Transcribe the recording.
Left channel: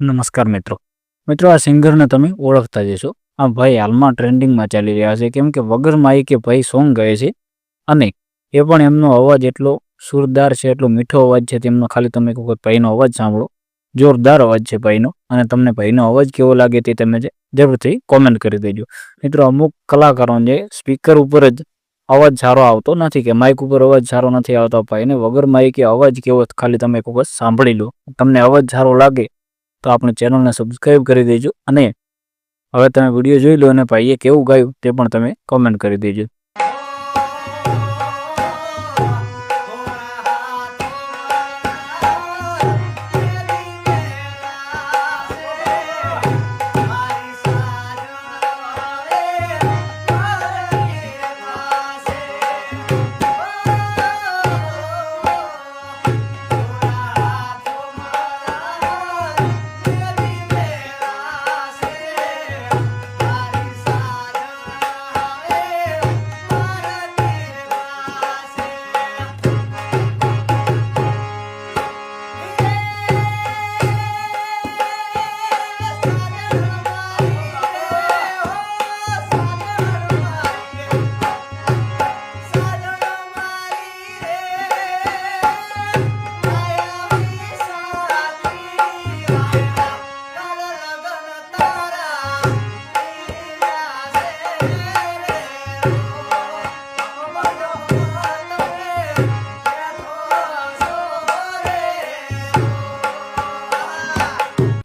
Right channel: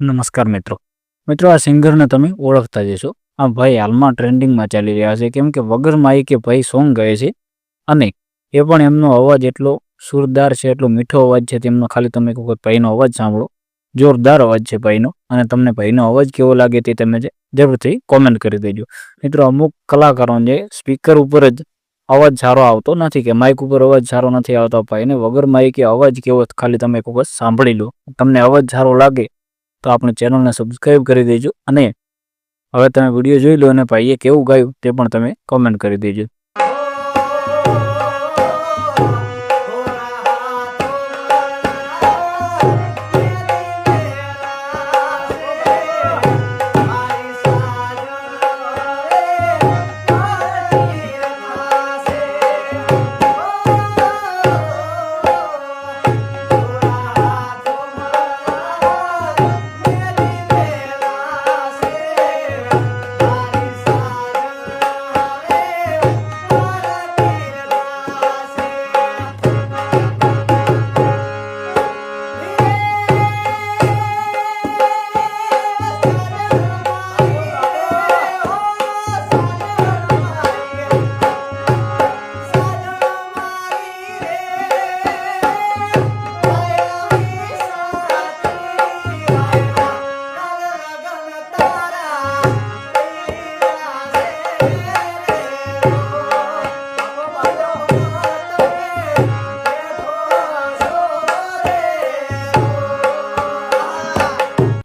નમસ્કાર મિત્રો. આ સિંગરને તમે ઓળખતા જ હશો. આ ભાઈ હાલમાં ટ્રેન્ડિંગમાં ચાલી રહ્યા છે, કેમ કે વગર માઇકે ભાઈ સોંગ ગાય છે અને એ પણ એમનો અવાજ એટલો સુરદાર છે, એટલો મીઠો અવાજ છે. તેમનો ખાલી તમે કોઈ ભાઈનો અવાજ સાંભળો, જોરદાર અવાજ છે ભાઈનો. અને તમને ભાઈનો અવાજ કેવો લાગે તે તમે જરૂરથી કોમેન્ટ કરી દેજો. મિત્રો, અમુક કલાકારો જે સ્પીકર ઉપર જ અવાજ સારો આવતો નથી, કે માઇક ઉપર અવાજ સારો નથી આવતો ભાઈને વગર માઇકે અવાજ કેવો ખાલી તમે કોઈ સાંભળી લો. તમને અવાજ સારો લાગે તો આપણે ચેનલને સબસ્ક્રાઈબ કરી દેજો. અને હવે તમે વિડીયો જોઈ લો અને ભાઈએ કેવું ગાયું તે પણ તમે કોમેન્ટ કરી દેજો.